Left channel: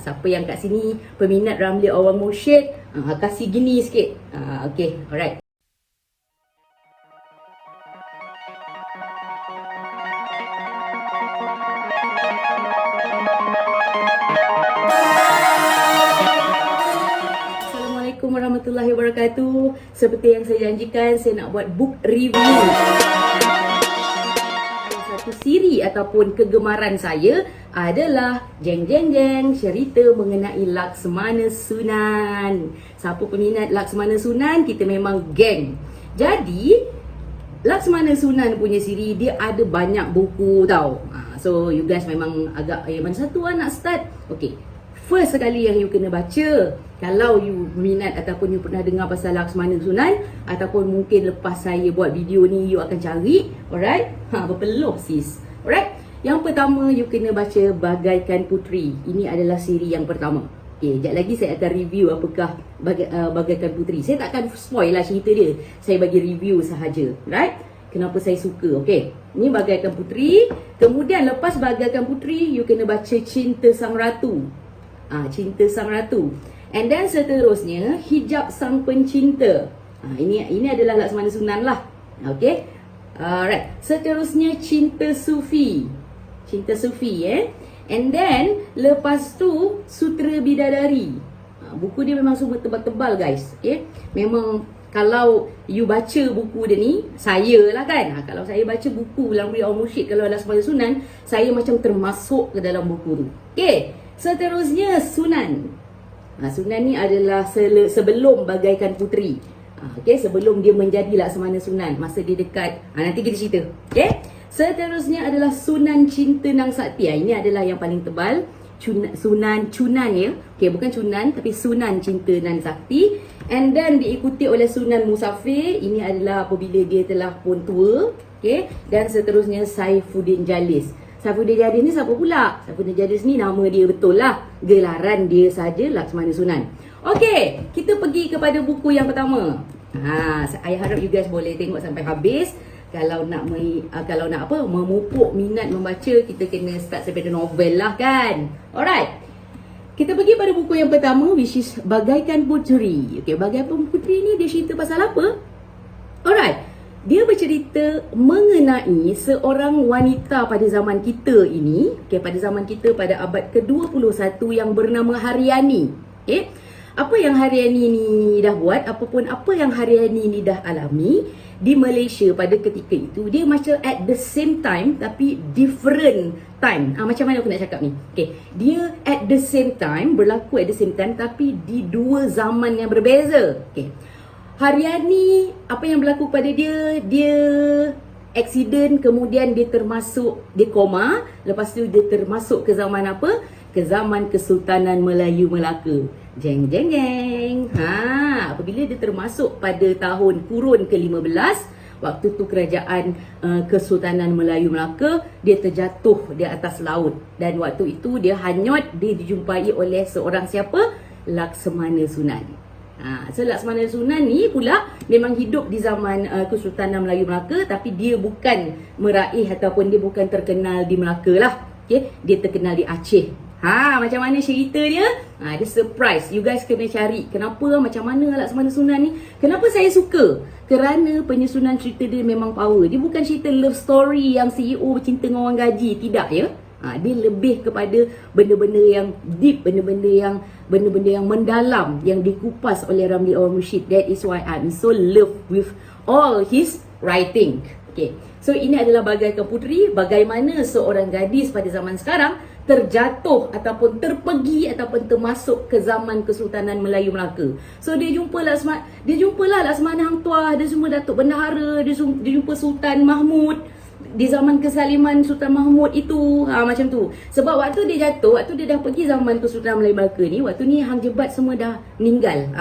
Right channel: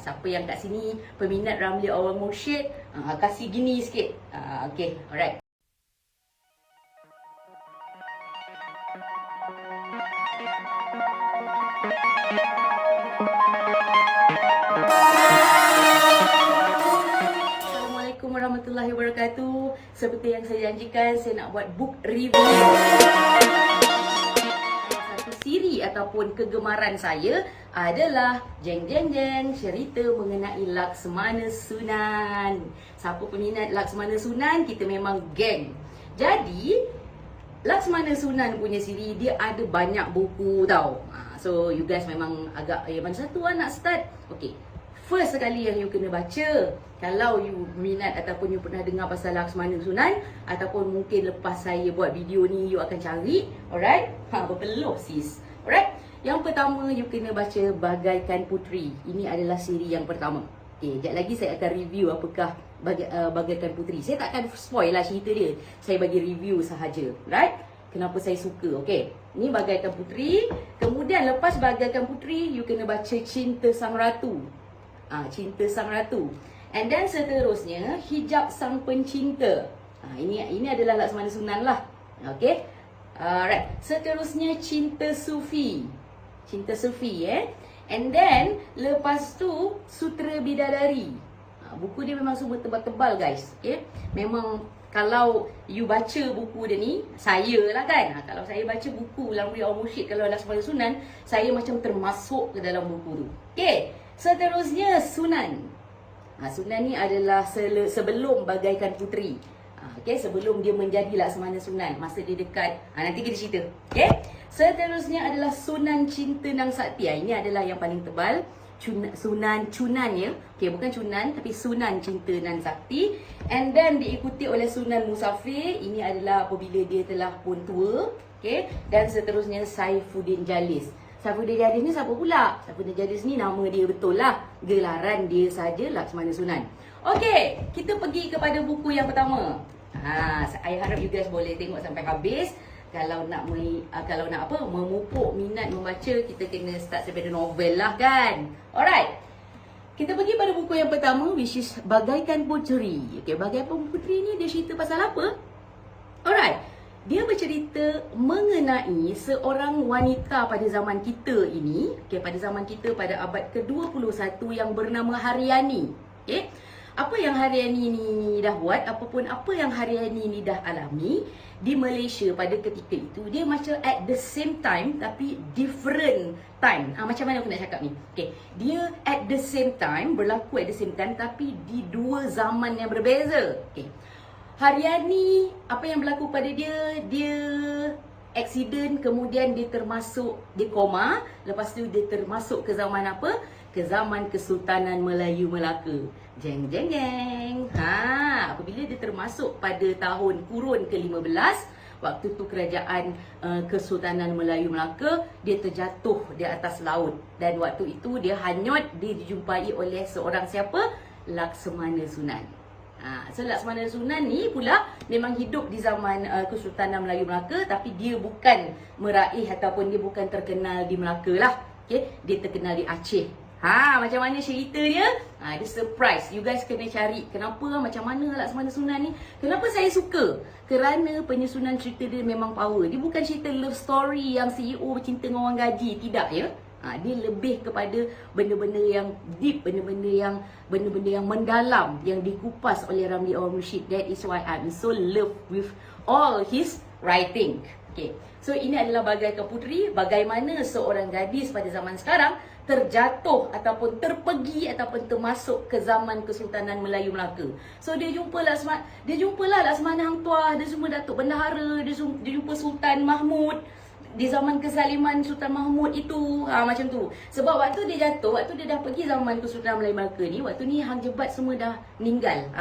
Siapa yang kat sini peminat Ramli Awal Mursyid, kasih gini sikit. Okay, alright. Assalamualaikum warahmatullahi wabarakatuh. Seperti yang saya janjikan, saya nak buat book review. Satu siri ataupun kegemaran saya adalah jeng jeng jeng cerita mengenai Laksmana Sunan. Siapa peminat Laksmana Sunan, kita memang geng. Jadi Laksmana Sunan punya siri dia ada banyak buku tau. So you guys memang agak mana satu nak start? Okay, first sekali yang you kena baca, kalau you minat ataupun you pernah dengar pasal Laksmana Sunan, ataupun mungkin lepas saya buat video ni you akan cari, alright? Berpeluh sis. Alright? Yang pertama you kena baca Bagaikan Puteri. Ini adalah siri yang pertama. Okay, sekejap lagi saya akan review apakah Bagaikan Puteri. Saya tak akan spoil lah cerita dia. Saya bagi review sahaja. Right? Kenapa saya suka. Okay. Ini Bagaikan Puteri. Kemudian lepas Bagaikan Puteri, you kena baca Cinta Sang Ratu. Cinta Sang Ratu. And then seterusnya Hijab Sang Pencinta. Ini adalah Laksmana Sunan lah. Okay. Alright. Seterusnya Cinta Sufi. Cinta Sufi And then lepas tu Sutra Bidadari. Buku dia memang semua tebal-tebal guys. Okay. Memang kalau you baca buku dia ni, saya lah kan, kalau saya baca buku Ramli Awal Mursyid, kalau Laksmana Sunan, saya macam termasuk ke dalam buku tu. Okay. Seterusnya Sunan. Sunan ni adalah sebelum Bagaikan Puteri. Okay, sebelum dia menjadi Laksmana Sunan, masa dia dekat, nanti kita cerita. Okay. Seterusnya adalah Sunan Cinta Nang Sakti. Ini adalah yang paling tebal. Sunan ya. Okay, bukan Cunan tapi Sunan Cinta Nang Sakti. And then diikuti oleh Sunan Musafir. Ini adalah apabila dia telah pun tua. Okay. Dan seterusnya Saifuddin Jalis. Saifuddin Jalis ni siapa pula? Saifuddin Jalis ni nama dia betul lah. Gelaran dia saja Laksmana Sunan. Okay, kita pergi kepada buku yang pertama. I harap you guys boleh tengok sampai habis. Kalau nak memupuk minat membaca, kita kena start daripada novel lah kan. Alright. Kita pergi pada buku yang pertama, which is Bagaikan Puteri. Okay, Bagaikan Puteri ni dia cerita pasal apa? Alright. Dia bercerita mengenai seorang wanita pada zaman kita ini. Okay, pada zaman kita pada abad ke-21 yang bernama Haryani. Okay. Apa yang Haryani ni dah buat, apa yang Haryani ni dah alami di Malaysia pada ketika itu, dia macam at the same time tapi different time. Macam mana aku nak cakap ni? Okay. Dia at the same time, berlaku at the same time tapi di dua zaman yang berbeza. Okay. Haryani, apa yang berlaku pada dia? Dia accident, kemudian dia koma. Lepas tu dia termasuk ke zaman apa? Ke zaman Kesultanan Melayu Melaka. Jeng jeng jeng. Apabila dia termasuk pada tahun kurun ke-15, waktu tu kerajaan Kesultanan Melayu Melaka, dia terjatuh di atas laut. Dan waktu itu dia hanyut, dia dijumpai oleh seorang siapa? Laksmana Sunan. So Laksmana Sunan ni pula memang hidup di zaman Kesultanan Melayu Melaka, tapi dia bukan meraih ataupun dia bukan terkenal di Melaka lah. Okay? Dia terkenal di Aceh. Macam mana cerita dia? Dia surprise. You guys kena cari. Kenapa? Macam mana Laksmana Sunan ni? Kenapa saya suka? Kerana penyusunan cerita dia memang power. Dia bukan cerita love story yang CEO bercinta dengan orang gaji. Tidak ya. Dia lebih kepada benda-benda yang deep, benda-benda yang mendalam, yang dikupas oleh Ramli Awal Mursyid. That is why I'm so love with all his writing. Okay. So ini adalah Bagaikan Puteri, bagaimana seorang gadis pada zaman sekarang terjatuh ataupun terpergi ataupun termasuk ke zaman Kesultanan Melayu Melaka. So dia jumpa Laksmana Hang Tuah, dia semua Datuk Bendahara, dia jumpa Sultan Mahmud di zaman kesaliman Sultan Mahmud itu. Macam tu. Sebab waktu dia jatuh, waktu dia dah pergi zaman Kesultanan Melayu Melaka ni, waktu ni Hang Jebat semua dah meninggal.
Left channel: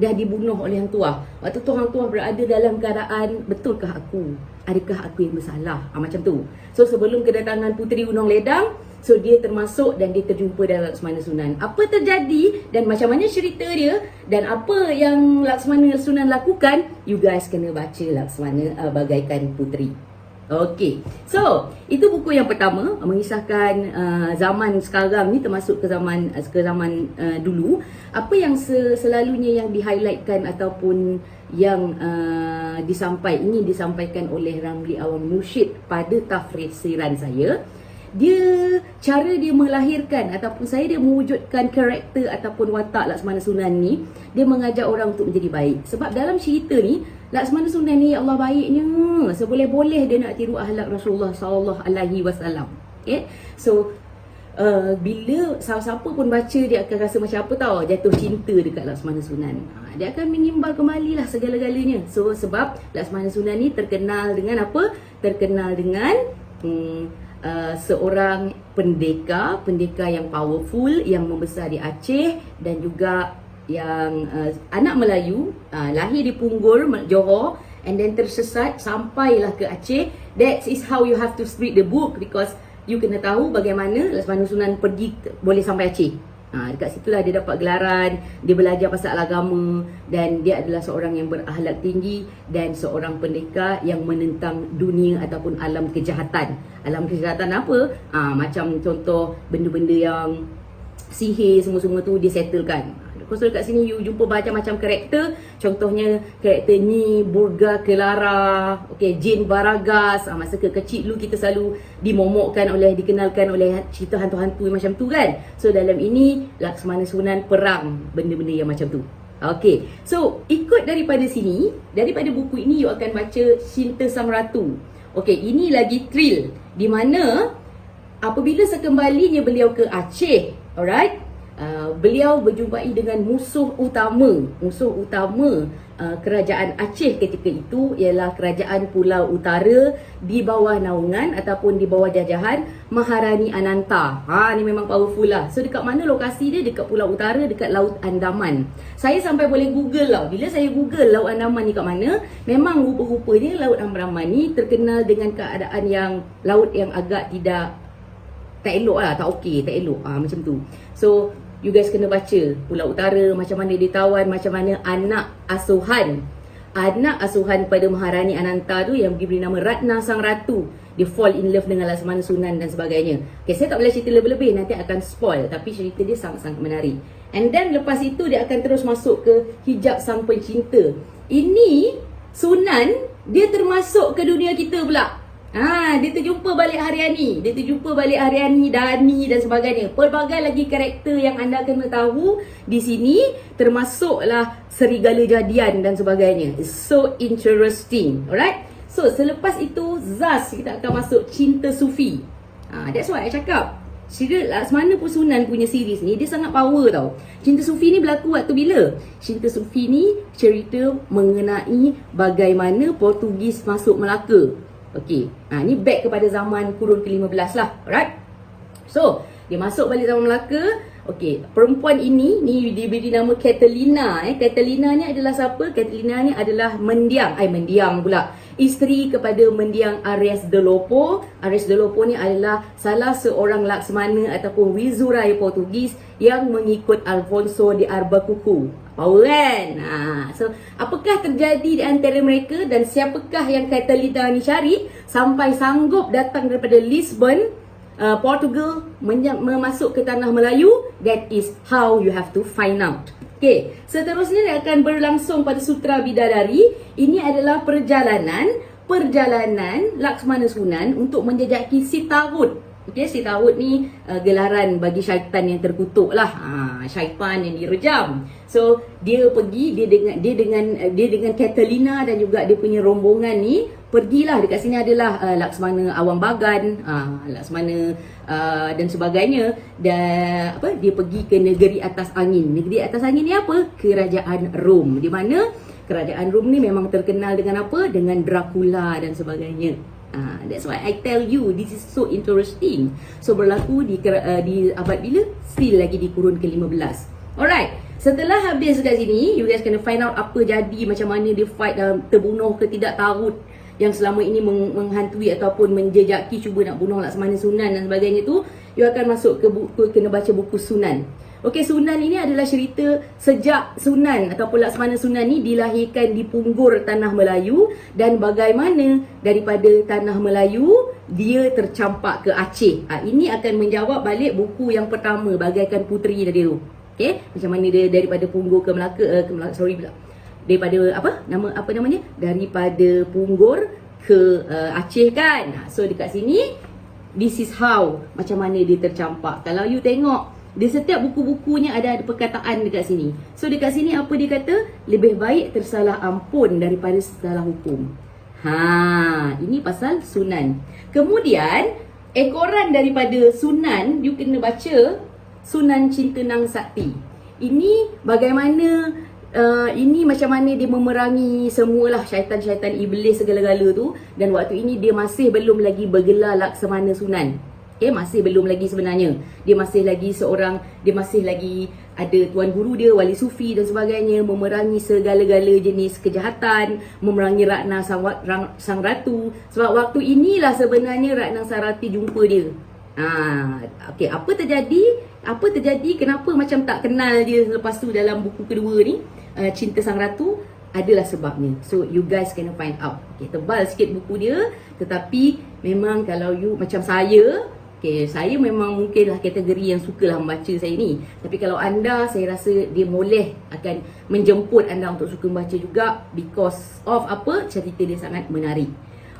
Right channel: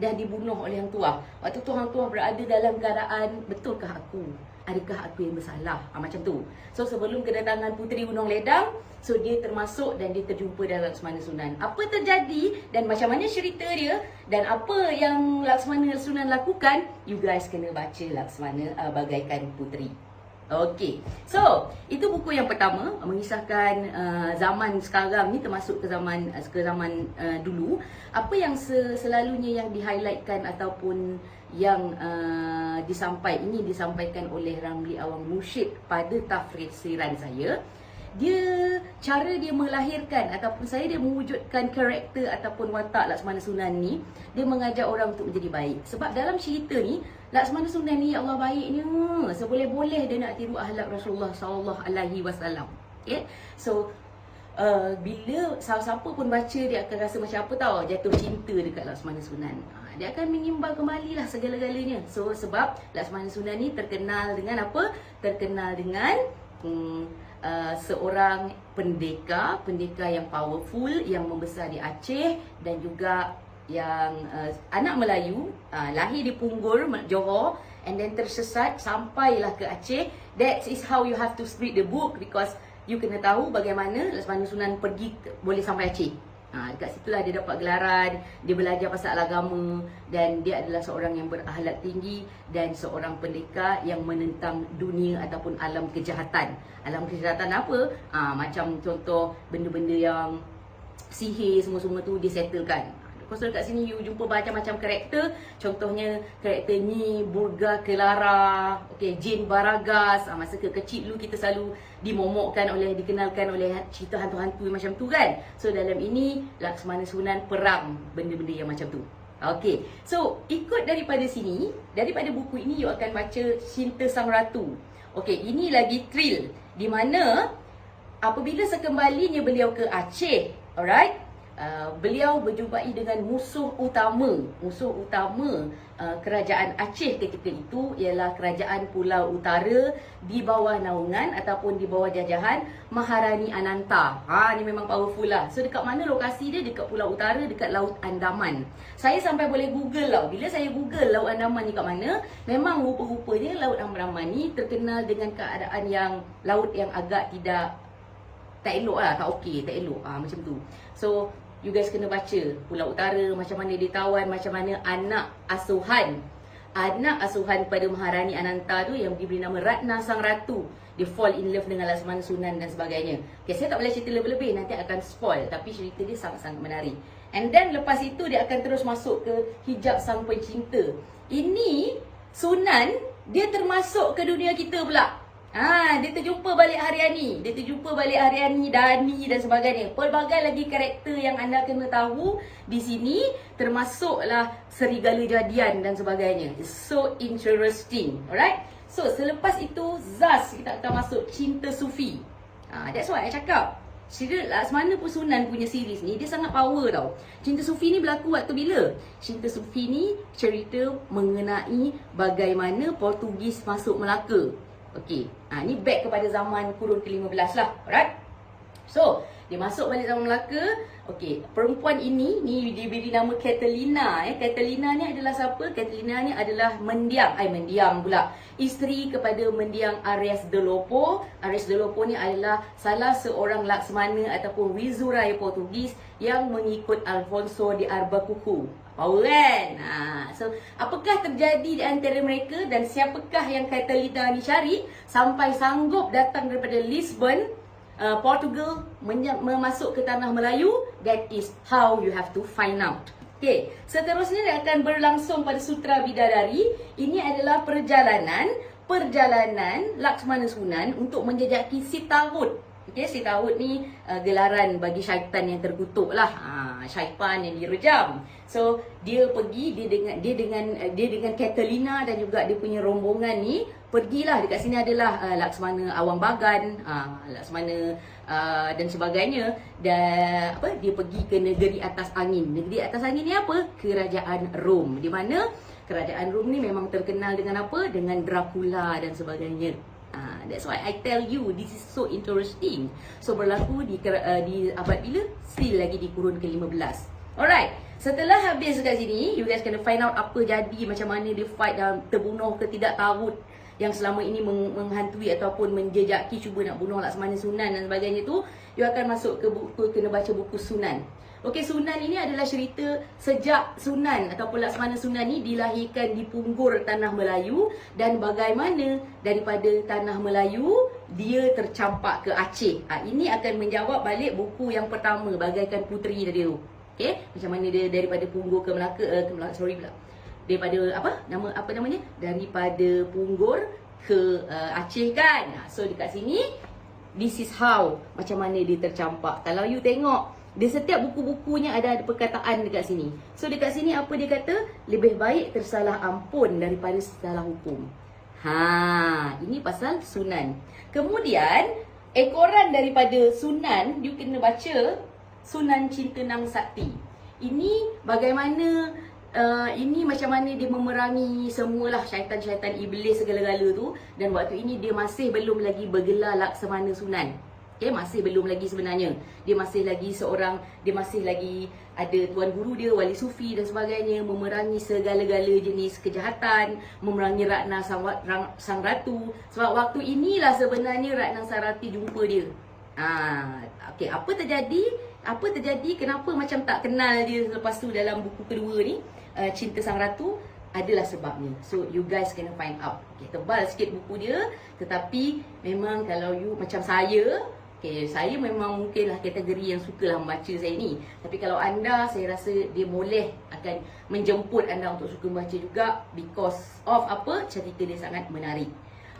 Dah dibunuh oleh Hang Tuah. Waktu tu Hang Tuah berada dalam keadaan, betulkah aku? Adakah aku yang bersalah? Macam tu. So sebelum kedatangan Puteri Gunung Ledang, so dia termasuk dan dia terjumpa dengan Laksmana Sunan. Apa terjadi dan macam mana cerita dia dan apa yang Laksmana Sunan lakukan, you guys kena baca Bagaikan Puteri. Okey. So, itu buku yang pertama mengisahkan zaman sekarang ni termasuk ke zaman dulu. Apa yang selalunya yang di-highlightkan ataupun yang ingin disampaikan oleh Ramli Awang Mursyid pada tafsiran saya, cara dia melahirkan ataupun dia mewujudkan karakter ataupun watak Laksmana Sunan ni, dia mengajak orang untuk menjadi baik. Sebab dalam cerita ni, Laksmana Sunan ni, ya Allah, baiknya, seboleh-boleh dia nak tiru akhlak Rasulullah sallallahu alaihi wasallam. Okay? So bila siapa pun baca, dia akan rasa macam apa tahu, jatuh cinta dekat Laksmana Sunan. Dia akan mengimbang kembali lah segala-galanya. So sebab Laksmana Sunan ni terkenal dengan apa? Terkenal dengan seorang pendekar yang powerful, yang membesar di Aceh, dan juga yang anak Melayu, lahir di Punggol, Johor, and then tersesat sampailah ke Aceh. That is how you have to read the book, because you kena tahu bagaimana Laksmana Sunan pergi boleh sampai Aceh. Dekat situlah dia dapat gelaran, dia belajar pasal agama, dan dia adalah seorang yang berakhlak tinggi dan seorang pendekar yang menentang dunia ataupun alam kejahatan. Alam kejahatan apa? Macam contoh benda-benda yang sihir semua-semua tu dia settlekan. So dekat sini you jumpa macam-macam karakter. Contohnya karakter ni Burga Kelara, Jin Baragas. Masa kecil dulu kita selalu dikenalkan oleh cerita hantu-hantu macam tu kan. So dalam ini Laksmana Sunan perang benda-benda yang macam tu. So ikut daripada sini, daripada buku ini you akan baca Cinta Sang Ratu. Ini lagi thrill, di mana apabila sekembalinya beliau ke Aceh, alright, beliau berjumpai dengan musuh utama kerajaan Aceh ketika itu, ialah kerajaan Pulau Utara di bawah naungan ataupun di bawah jajahan Maharani Ananta. Ni memang powerful lah. So dekat mana lokasi dia? Dekat Pulau Utara, dekat Laut Andaman. Saya sampai boleh google lah. Bila saya google Laut Andaman ni kat mana, memang rupa-rupanya Laut Andaman ni terkenal dengan keadaan yang laut yang agak tak elok lah, tak elok macam tu. So you guys kena baca Pulau Utara, macam mana dia tawan, macam mana anak asuhan pada Maharani Ananta tu yang diberi nama Ratna Sang Ratu, dia fall in love dengan Laksmana Sunan dan sebagainya. Saya tak boleh cerita lebih-lebih, nanti akan spoil, tapi cerita dia sangat-sangat menarik. And then lepas itu dia akan terus masuk ke Hijab Sang Pencinta. Ini Sunan, dia termasuk ke dunia kita pula. Dia terjumpa balik Haryani, Dani dan sebagainya. Pelbagai lagi karakter yang anda kena tahu di sini, termasuklah Serigala Jadian dan sebagainya. It's so interesting. Alright. So selepas itu Zaz, kita akan masuk Cinta Sufi. That's what I cakap. Laksmana Sunan punya series ni dia sangat power tau. Cinta Sufi ni berlaku waktu bila? Cinta Sufi ni cerita mengenai bagaimana Portugis masuk Melaka. Ni back kepada zaman kurun ke-15 lah. Alright. So, dia masuk balik zaman Melaka. Perempuan ini diberi nama Catalina. Catalina ni adalah siapa? Catalina ni adalah mendiang pula. Isteri kepada mendiang Ares de Lopo. Ares de Lopo ni adalah salah seorang Laksmana ataupun Wizuraya Portugis yang mengikut Alfonso de Albuquerque. Power kan? So, apakah terjadi di antara mereka dan siapakah yang Catalina ni cari sampai sanggup datang daripada Lisbon, Portugal, memasuk ke tanah Melayu? That is how you have to find out. Seterusnya dia akan berlangsung pada Sutra Bidadari. Ini adalah perjalanan Laksmana Sunan untuk menjejaki Sitarut. Sitarut ni gelaran bagi syaitan yang terkutuk lah. Syaitan yang direjam. So dia pergi, dia dengan Catalina dan juga dia punya rombongan ni pergilah. Dekat sini adalah Laksmana Awang Bagan, Laksmana dan sebagainya. Dan dia pergi ke negeri atas angin. Negeri atas angin ni apa? Kerajaan Rom. Di mana kerajaan Rom ni memang terkenal dengan apa? Dengan Dracula dan sebagainya. That's why I tell you, this is so interesting. So berlaku di abad bila? Still lagi di kurun ke-15. Alright. Setelah habis kat sini, you guys kena find out apa jadi, macam mana dia fight dan terbunuh ke tidak Tarut yang selama ini menghantui ataupun menjejaki, cuba nak bunuh Laksmana Sunan dan sebagainya tu. You akan masuk ke buku, kena baca buku Sunan. Okey, Sunan ini adalah cerita sejak Sunan ataupun Laksmana Sunan ni dilahirkan di Punggur Tanah Melayu dan bagaimana daripada Tanah Melayu dia tercampak ke Aceh. Ini akan menjawab balik buku yang pertama, Bagaikan Puteri tadi tu. Okey, macam mana dia daripada Punggur ke Melaka, daripada apa namanya? Daripada Punggur ke Aceh kan. So dekat sini this is how, macam mana dia tercampak. Kalau you tengok di setiap buku-bukunya ada perkataan dekat sini. So dekat sini apa dia kata? Lebih baik tersalah ampun daripada salah hukum. Ini pasal Sunan. Kemudian ekoran daripada Sunan, you kena baca Sunan Cinta Nang Sakti. Ini bagaimana ini macam mana dia memerangi semualah syaitan-syaitan iblis segala-gala tu, dan waktu ini dia masih belum lagi bergelar Laksamana Sunan. Masih belum lagi sebenarnya. Dia masih lagi ada tuan guru dia, wali sufi dan sebagainya, memerangi segala-gala jenis kejahatan, memerangi Ratna Sang Ratu. Sebab waktu inilah sebenarnya Ratna Sang Ratu jumpa dia. Okey, apa terjadi? Kenapa macam tak kenal dia lepas tu dalam buku kedua ni, Cinta Sang Ratu? Adalah sebabnya. So you guys kena find out. Tebal sikit buku dia, tetapi memang kalau you macam saya, saya memang mungkinlah kategori yang sukalah membaca saya ni. Tapi kalau anda, saya rasa dia boleh akan menjemput anda untuk suka membaca juga, because of apa? Cerita dia sangat menarik.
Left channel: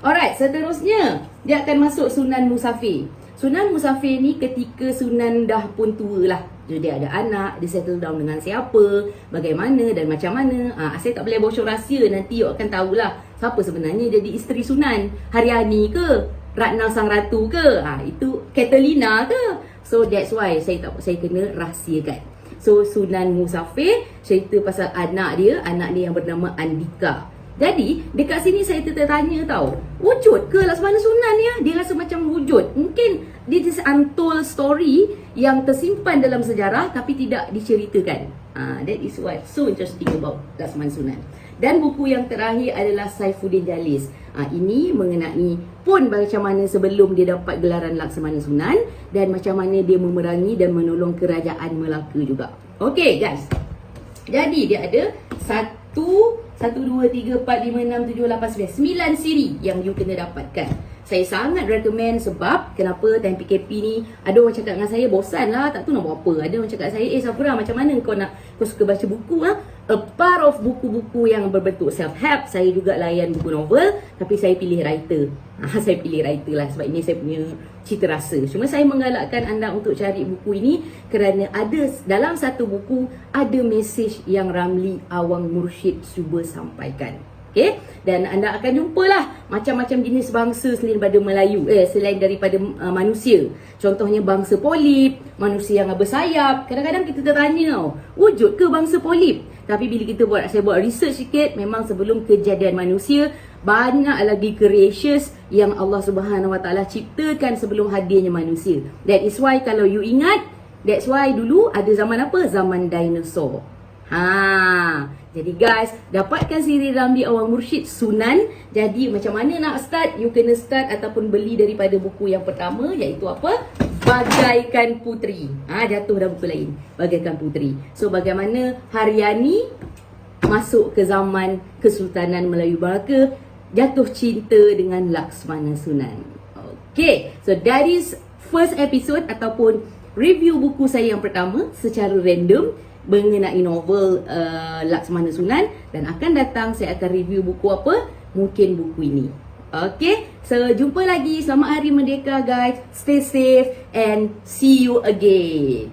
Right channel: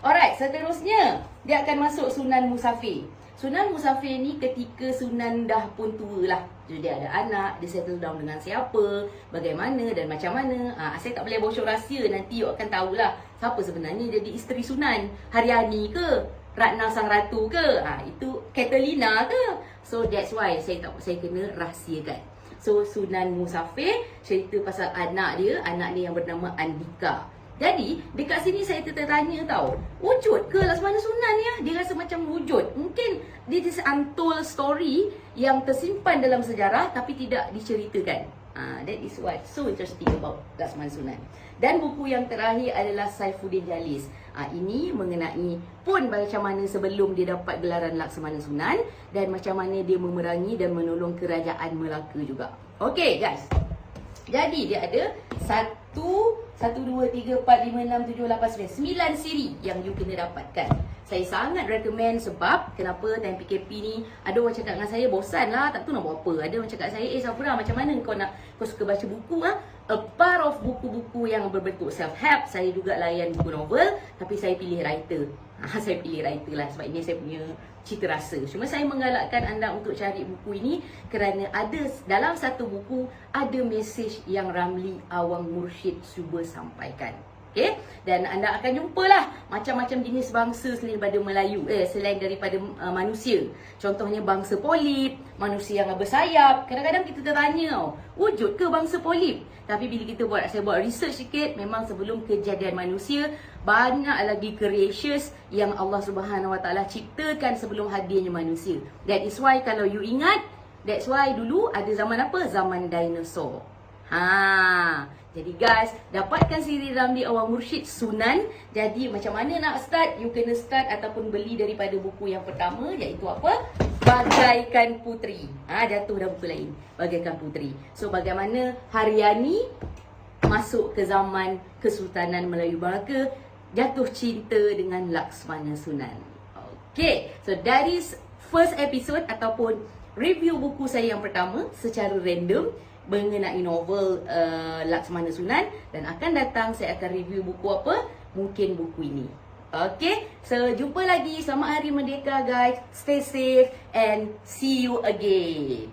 Alright, seterusnya dia akan masuk Sunan Musafir. Sunan Musafir ni ketika Sunan dah pun tua lah. Jadi dia ada anak, dia settle down dengan siapa, bagaimana dan macam mana. Saya tak boleh bocor rahsia, nanti you akan tahulah siapa sebenarnya jadi isteri Sunan. Haryani ke? Ratna Sang Ratu ke? Itu Catalina ke? So that's why saya kena rahsiakan. So Sunan Musafir cerita pasal anak dia yang bernama Andika. Jadi dekat sini saya tertanya tau, wujud ke Laksmana Sunan ni? Dia rasa macam wujud. Mungkin this is untold story yang tersimpan dalam sejarah tapi tidak diceritakan. That is what so interesting about Laksmana Sunan. Dan buku yang terakhir adalah Saifuddin Jalis. Ini mengenai pun macam mana sebelum dia dapat gelaran Laksamana Sunan dan macam mana dia memerangi dan menolong kerajaan Melaka juga. Okay guys, jadi dia ada 1, 2, 3, 4, 5, 6, 7, 8, 9 siri yang you kena dapatkan. Saya sangat recommend sebab kenapa time PKP ni ada orang cakap dengan saya bosan lah, tak tahu nak buat apa. Ada orang cakap saya, Safura macam mana kau suka baca buku A part of buku-buku yang berbentuk self-help, saya juga layan buku novel, tapi saya pilih writer. Saya pilih writer lah sebab ini saya punya cita rasa. Cuma saya menggalakkan anda untuk cari buku ini kerana ada dalam satu buku ada mesej yang Ramli Awang Mursyid cuba sampaikan. Okay? Dan anda akan jumpalah macam-macam jenis bangsa selain daripada Melayu, selain daripada manusia. Contohnya bangsa polip, manusia yang bersayap. Kadang-kadang kita tertanya, wujud ke bangsa polip? Tapi bila saya buat research sikit, memang sebelum kejadian manusia, banyak lagi creations yang Allah Subhanahu Wa Taala ciptakan sebelum hadirnya manusia. That is why kalau you ingat, that's why dulu ada zaman apa? Zaman dinosaur. Jadi guys, dapatkan siri Ramli Awang Mursyid Sunan. Jadi macam mana nak start? You kena start ataupun beli daripada buku yang pertama, iaitu apa? Bagaikan Puteri. Jatuh dah buku lain, Bagaikan Puteri. So bagaimana Haryani masuk ke zaman Kesultanan Melayu Melaka, jatuh cinta dengan Laksmana Sunan. Okay, so that is first episode ataupun review buku saya yang pertama secara random mengenai novel Laksmana Sunan, dan akan datang saya akan review buku apa? Mungkin buku ini. Okay, so jumpa lagi. Selamat Hari Merdeka guys. Stay safe and see you again.